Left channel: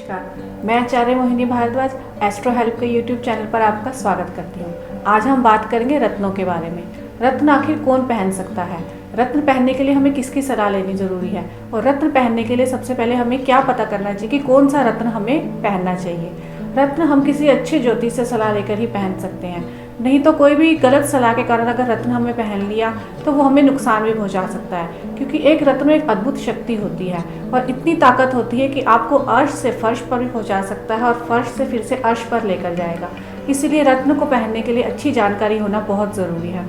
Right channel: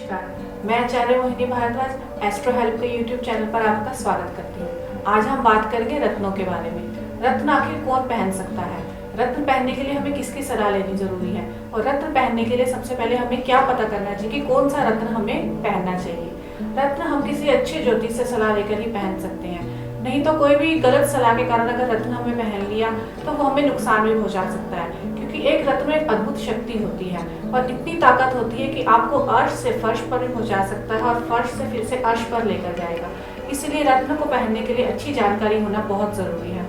नमस्कार, मैं आचार्य Mohini Bhardwaj astro help के यूट्यूब चैनल पर आपका स्वागत करती हूँ। आज हम बात करेंगे रत्नों के बारे में। रत्न आखिर कौन पहन सकता है, रत्न पहनने के लिए हमें किसकी सलाह लेनी जरूरी है और रत्न पहनने के लिए सबसे पहले हमें क्या पता करना चाहिए कि कौन सा रत्न हमें पहनना चाहिए। रत्न हम किसी अच्छे ज्योतिष से सलाह लेकर ही पहन सकते हैं, नहीं तो कोई भी गलत सलाह के कारण अगर रत्न हमें पहन लिया तो वो हमें नुकसान भी पहुंचा सकता है, क्योंकि एक रत्न में एक अद्भुत शक्ति होती है और इतनी ताकत होती है कि आपको अर्श से फर्श पर भी पहुंचा सकता है और फर्श से फिर से अर्श पर लेकर जाएगा। इसीलिए रत्न को पहनने के लिए अच्छी जानकारी होना बहुत ज़रूरी है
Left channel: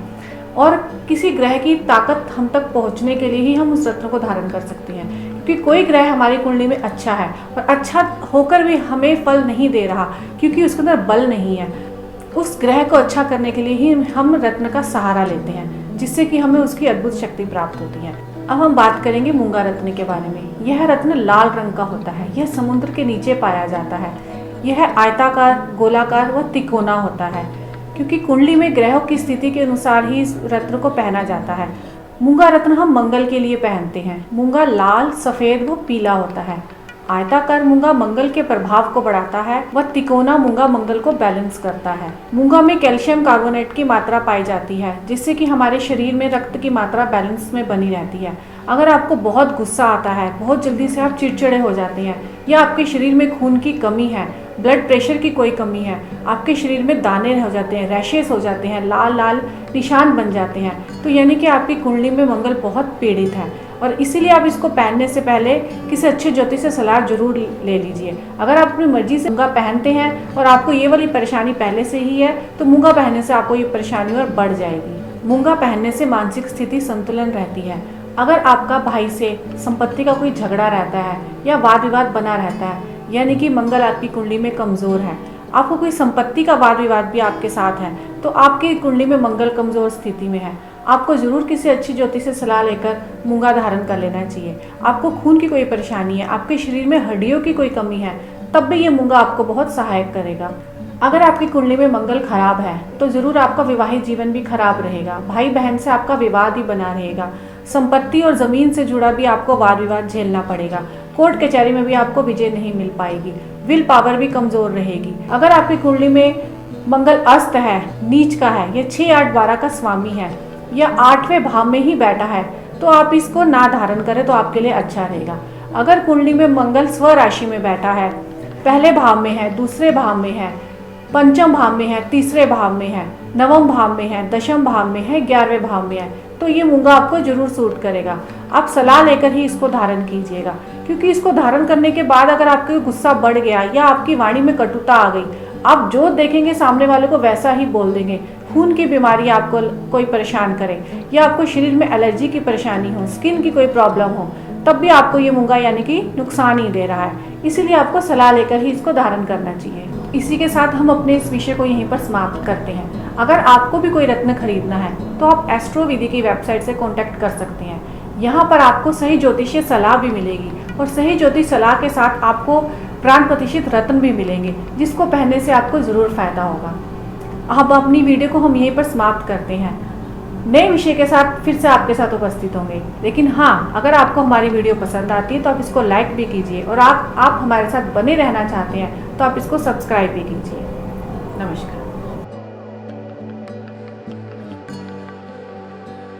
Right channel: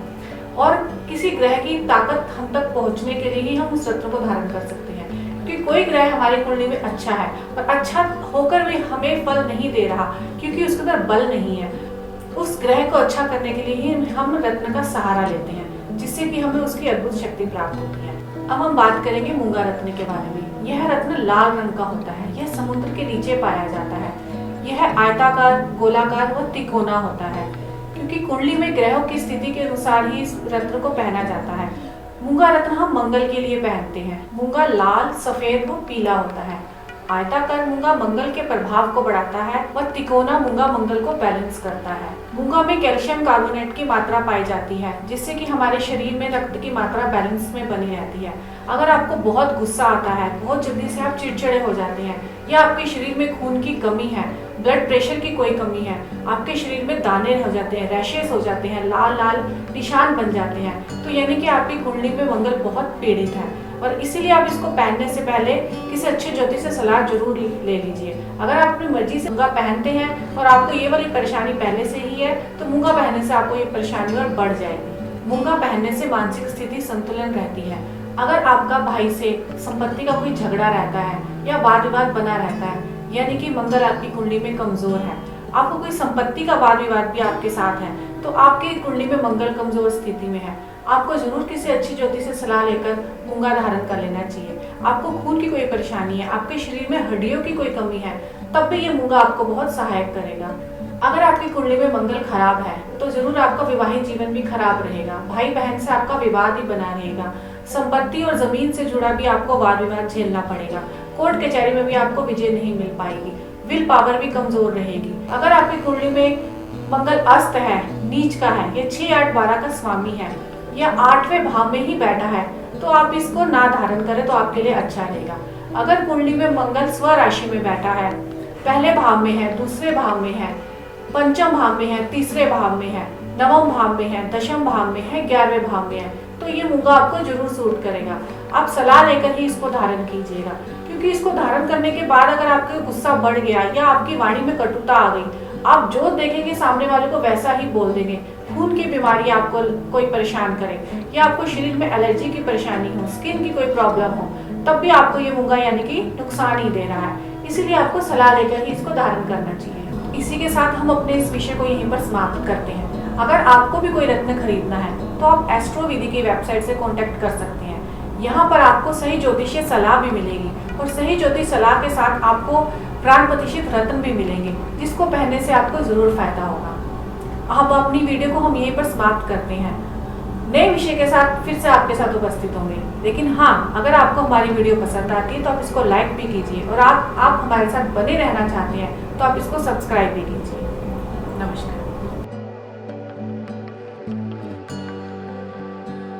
और किसी ग्रह की ताकत हम तक पहुंचने के लिए ही हम उस रत्न को धारण कर सकते हैं, क्योंकि कोई ग्रह हमारी कुंडली में अच्छा है और अच्छा होकर भी हमें फल नहीं दे रहा क्योंकि उसके अंदर बल नहीं है। उस ग्रह को अच्छा करने के लिए ही हम रत्न का सहारा लेते हैं, जिससे कि हमें उसकी अद्भुत शक्ति प्राप्त होती है। अब हम बात करेंगे मूंगा रत्न के बारे में। यह रत्न लाल रंग का होता है, यह समुद्र के नीचे पाया जाता है। यह आयताकार, गोलाकार व तिकोना होता है, क्योंकि कुंडली में ग्रहों की स्थिति के अनुसार ही इस रत्न को पहना जाता है। मूंगा रत्न हम मंगल के लिए पहनते हैं। मूंगा लाल, सफेद व पीला होता है। आयताकार मूंगा मंगल के प्रभाव को बढ़ाता है व तिकोना मूंगा मंगल को बैलेंस करता है। मूंगा में कैल्शियम कार्बोनेट की मात्रा पाई जाती है, जिससे कि हमारे शरीर में रक्त की मात्रा बैलेंस में बनी रहती है। अगर आपको बहुत गुस्सा आता है, बहुत जल्दी से आप चिड़चिड़े हो जाते हैं, या आपके शरीर में खून की कमी है, ब्लड प्रेशर की कोई कमी है, आपके शरीर में दाने हो जाते हैं, रैशेस हो जाते हैं, लाल लाल निशान बन जाते हैं, तो यानी कि आपकी कुंडली में मंगल बहुत पीड़ित है और इसीलिए आप इसको पहनने से पहले किसी अच्छे ज्योतिष से सलाह जरूर ले लीजिए। अगर आप अपनी मर्जी से मूंगा पहनते हैं और आपको ये वाली परेशानी पहले से ही है तो मूंगा पहनने से आपको ये परेशानी और बढ़ जाएगी। मूंगा पहनने से मानसिक स्थिति संतुलन रहती है। अगर आपका भाई से संपत्ति का कोई झगड़ा रहता है या वाद विवाद बना रहता है, यानी कि मंगल आपकी कुंडली में कमजोर है, आपको कोई संपत्ति का वाद विवाद भी आपके साथ है, तो आपकी कुंडली में मंगल कमजोर स्थिति में है, आपको जरूर किसी अच्छी ज्योतिष से सलाह लेकर मूंगा धारण कर लेना चाहिए। आपको खून की कोई परेशानी है, आपके शरीर में हड्डियों की कोई कमी है, तब भी ये मूंगा आपको बहुत सहायक करेगा। अगर आपकी कुंडली में मंगल खराब है तो जरूर आपका विवाहित जीवन भी खराब रहेगा, भाई बहन से आपका विवाद ही बना रहेगा, संपत्ति और जमीन से जुड़ा भी आपको वाद विवाद झेलना पड़ेगा, कोर्ट कचहरी में भी आपको विजय नहीं मिल पाएगी, विल पावर भी कमजोर रहेगी। अगर आपकी कुंडली में मंगल अस्त है, नीच का है, या 6, 8, 12 का स्वामी है या 8वें भाव में ही बैठा है, तो आप इसको ना धारण करें तो आपके लिए अच्छा रहेगा। अगर कुंडली में मंगल स्व राशि में बैठा है, पहले भाव में है, दूसरे भाव में है, पंचम भाव में है, तीसरे भाव में है, नवम भाव में है, दशम भाव में है, 11वें भाव में है, तो ये मूंगा आपको जरूर सूट करेगा। आप सलाह लेकर ही इसको धारण कीजिएगा, क्योंकि इसको धारण करने के बाद अगर आपका गुस्सा बढ़ गया या आपकी वाणी में कटुता आ गई, आप जो देखेंगे सामने वाले को वैसा ही बोल देंगे, खून की बीमारी आपको कोई परेशान करे या आपको शरीर में एलर्जी की परेशानी हो, स्किन की कोई प्रॉब्लम हो, तब भी आपको ये मूंगा यानी कि नुकसान ही दे रहा है। इसीलिए आपको सलाह लेकर ही इसको धारण करना चाहिए। इसी के साथ हम अपने इस विषय को यहीं पर समाप्त करते हैं। अगर आपको भी कोई रत्न खरीदना है तो आप एस्ट्रो विधि की वेबसाइट से कॉन्टैक्ट कर सकते हैं। यहाँ पर आपको सही ज्योतिषीय सलाह भी मिलेगी और सही ज्योतिष सलाह के साथ आपको प्राण प्रतिष्ठित रत्न भी मिलेंगे, जिसको पहनने से आपको जरूर फायदा होगा। अब अपनी वीडियो को हम यहीं पर समाप्त करते हैं। नए विषय के साथ फिर से आपके साथ उपस्थित होंगे, लेकिन हाँ, अगर आपको हमारी वीडियो पसंद आती है तो आप इसको लाइक भी कीजिए और आप हमारे साथ बने रहना चाहते हैं तो आप इसको सब्सक्राइब भी कीजिए। नमस्कार।